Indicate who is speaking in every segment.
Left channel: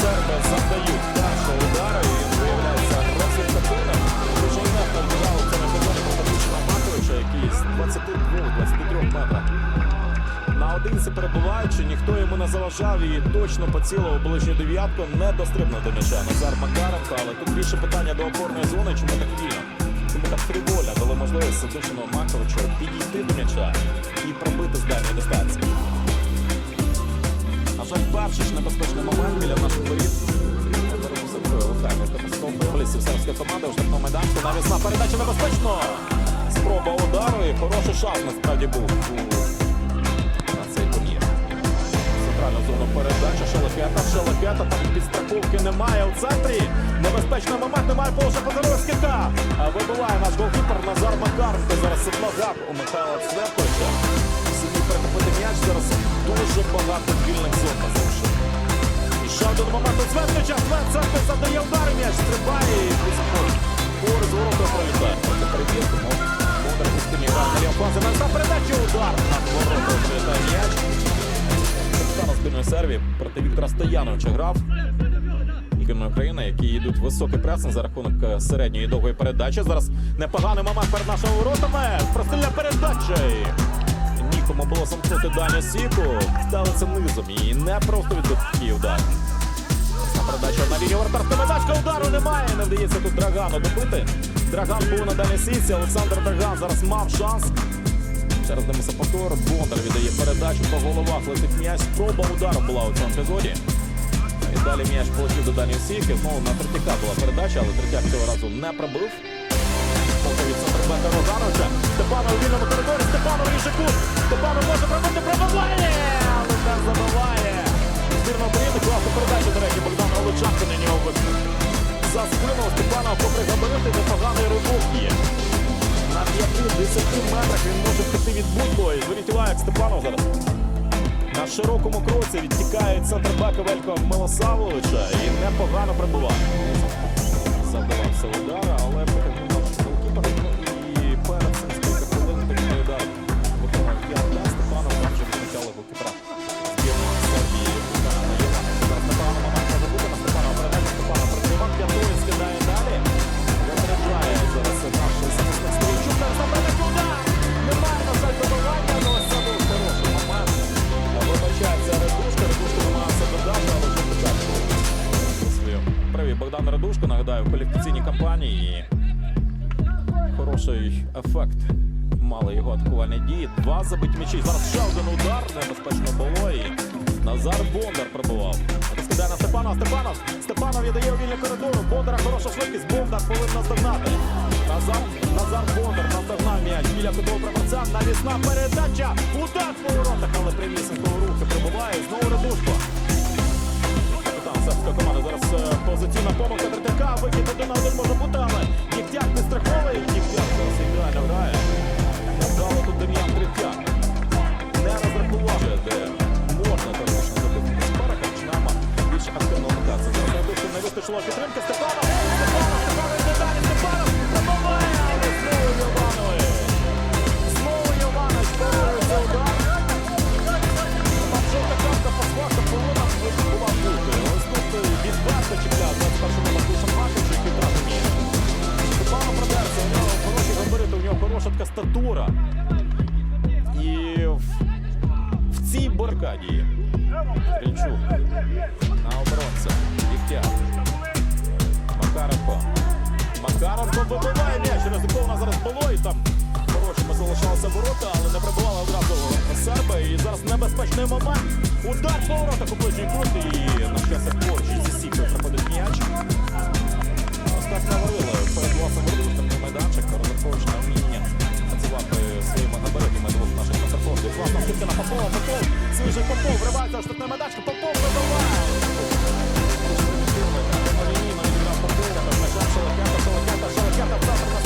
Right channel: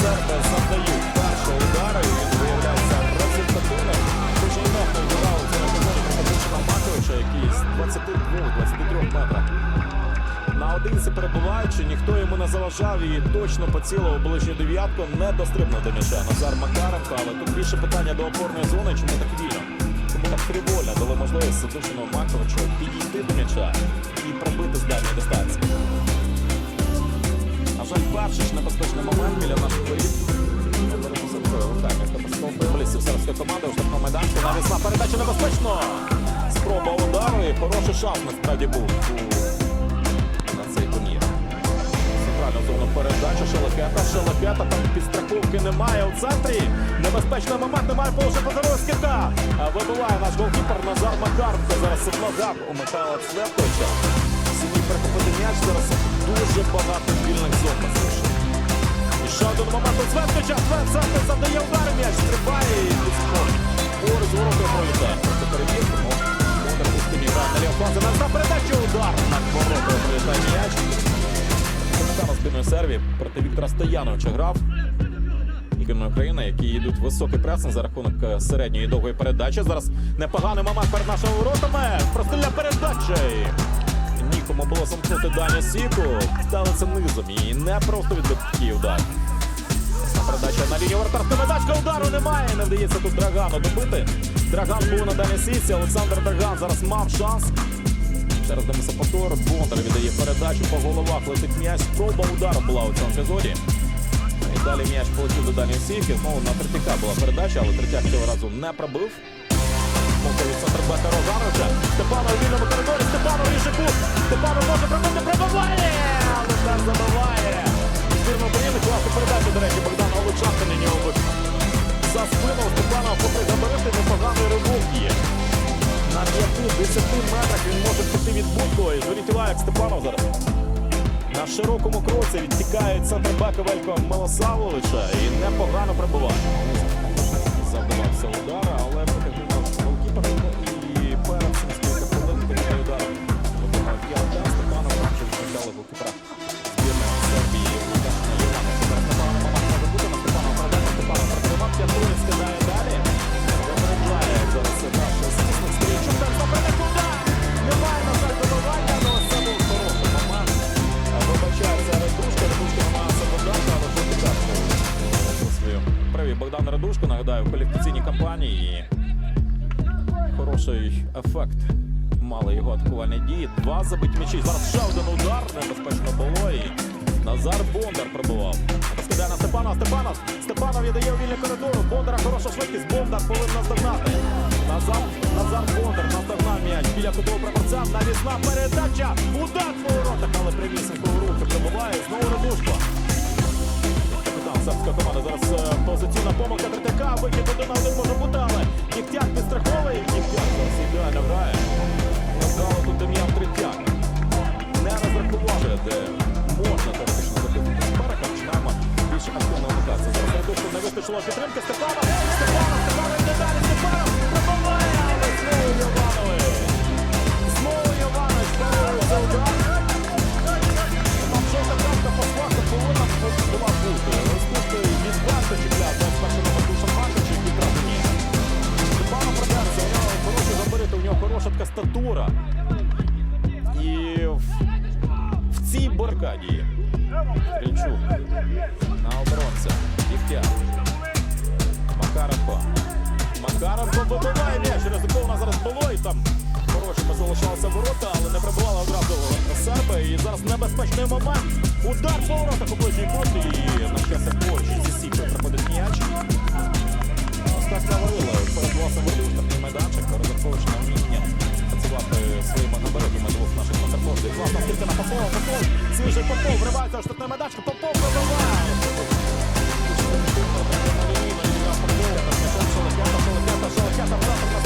Speaker 1: Серби завдають першого удару, і він виявляється результативним. Дуже інертно у цьому епізоді проти Дучина Маковича, який з 22-23 метрах. Наодинці перебуваючи, ніхто йому не заважав і точно поцілив у ближню дев'ятку, не дострибнув до м'яча Назар Макаренко, але тут більше питання до опорної зони, чому так вільно. Чому так фріволя дали можливість Сидушину Маковичу підійти до м'яча і пробити з дальньої дистанції. На жаль, перший ж небезпечний момент біля наших воріт. Все такою локальною катастрофою. Полісів сербська команда у штрафному майданчику. Навісна передача небезпечно. Спроба удару і хороший шанс насправді був на цей турнір. Центральну зону передача Шелепета. Шелепета там підстраховки немає у центрі. Небезпечний момент, немає положення позорова скидка. Вибиває наш голкіпер Назар Макаренко. Зараз ногах у Михайла Цвятковича. Сім'ї перехопити м'яч. Зараз дуже багато вільних зон нас залишив. І ще один момент у Цвятковича. Цвет Цвяткович завдає удар м'яч. Стрибає і. Поруч з воротою пролітає. Проти перевірки. у спині грає на ліву фазі. На передачу удар. Над воротою пролітає м'яч. Капітана збірної Сербії проти Віктора Стояновича грав. Збірної України, які йдуть високий пресинг за рахунок е, середньої довгої передачі. Зараз непоганий момент перед нашими воротами. Прострільна передача. І було замкнути Даня Сіку. Ставиться низом і не просто відбити такий удар. Передача на лінію вратарська медачка. Удару немає. Не вдається тут Драгану добити. Драган був на дальній сісі. Олександр Драган зараз мав шанс. Через дивимося повтор. Бондар віддає передачу по головах. Летить м'яч. Спроба удару була у цьому епізоді. І далі м'яч полетів до дальньої сітки. Знову на Третяка була передача, але Третяк цього разу не пробив. Помилка від центрбека Розановича. Степанов у вільному коридорі. Степанов ріже кут. Степанов може пробити, пробиває! Теж забиває. Збірна України класна передача, до речі, Богдан Олучанко на нього виконав. За спину у Степанова, попри габарити, непоганий ривок є. На 5-10 метрах він може втекти від будь-кого. І зверніть увагу, як Степанов зараз. На широкому кроці відтікає центрбека Велько Милосавовича і непогано прибуває. Завдавався удара, але потягнув перед цим з кілька хвилин такий удар виконав Ярда. Степанов там вже відмічали голкіпера збірної Сербії Лукашина Йовановича. Зараз непоганий може бути на Степанова передача. Степанов притримав, п'ятою скидає далі. Випереджає зараз наш захисник. Зараз на передачу удар! Немає, на жаль, добивання, але це був хороший момент. Вибачається Редушка. Редушка намагається додати, але жовту картку е, Богдан Редушко, нагадаю, в кваліфікаційній кампанії. Хороший ефект мали його атакувальні дії. Два забиті м'ячі. Зараз ще один удар. Небезпечно було. І Назар Бондар пробував. Розкидає на Степанова. Степанов. Степанов віддає у вільний коридору. Бондара хороша швидкість. Бондар повинен наздогнати. Назар, Назар Бондар наздогнав м'яч біля кутового прапорця. Навісна передача. Удар по воротах, але прямісенько у руки прибуває. Знову Редушко. Сербська команда зараз е, позиційна помилка Третяка. Вихід один на один може бути, але Дігтяк підстраховує. Дігтяк зараз ідеально грає. Невдало тут Дем'ян Третяк. Не розрахував, де можна теоретично забити суперника. Починаємо більш активно вмикатися. Зараз Радушко не вистачило підтримки. Степанов! Степанов! Степанов йде далі! Степанов! Пробиває! Але знову Йованович! Знову Йованович хороша така статура. І в, в цій баркаді Стрільчук на оборонця. Дігтяр. Макаренко. Макаренко вибиває м'яч. Ризиковано зараз було і там Хорошими залишалися ворота, але не прибували одразу серби. І зараз небезпечний момент. Удар по воротах у ближній кут. І на щастя поруч зі сікою приходить м'яч. Так говорила, перед власом воротом штрафний майданчик, розраховуючи на вміння працювати своїми габаритами двох наших контрфордів. Класна скидка на Попова, Попов, свіжий Попов, вривається в штрафний майданчик, Попов вибиває. Дуже примітивно, так прямолінійно відіграв Попов, та з м'ячем Шелехета, Шелехета, Шелехета в центр на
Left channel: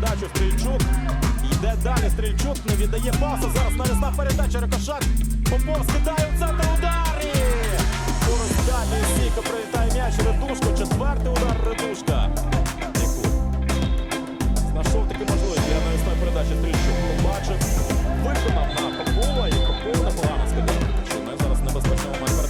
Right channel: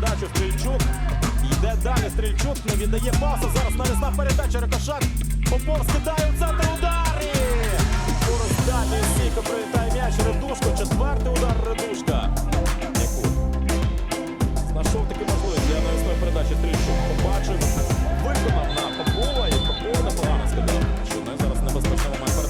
Speaker 1: передачу. Стрільчук йде далі. Стрільчук не віддає паса. Зараз навісна передача. Рикошет. Попов скидає у центр удар. І Поруч далі Сіка прилітає м'яч. Редушко. Четвертий удар Редушка. Нікут. Знайшов таки можливість для навісної передачі Стрільчук. Побачив, виконав на Попова і Попов непогано скидав. Що не зараз небезпечний момент перед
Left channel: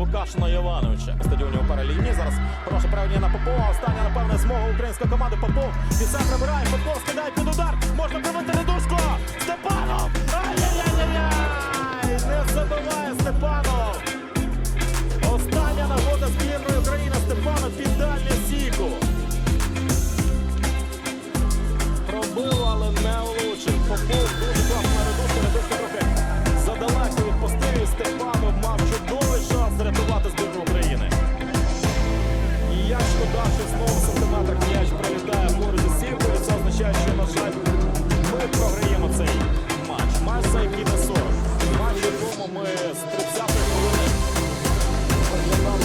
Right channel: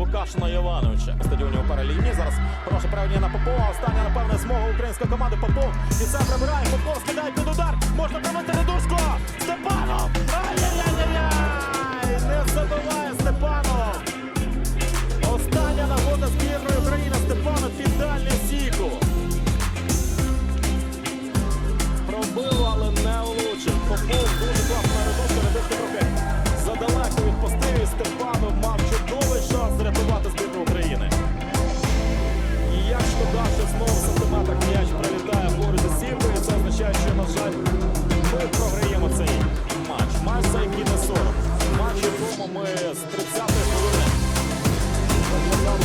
Speaker 1: Вукашина Івановича. Стадіоні у параліні. Зараз хороше правління на Попова. Остання, напевне, змога української команди. Попов і це прибирає. Попов скидає під удар. Можна пробити Редушко. Степанов! Ай-яй-яй-яй! Не забиває Степанов. Остання нагода збірної України. Степанов під дальню сіку. Пробив, але не влучив. Попов дуже класно на редушку. Редушка трохи задалеко відпустив і Степанов мав чудовий шанс врятувати збірну України. І як шкода, що знову в сантиметрах м'яч прилітає поруч зі сіткою. Це означає, що, на жаль, ми програємо цей матч. Матч, за який не сором. Матч, якому ми з 30-ї хвилини виглядали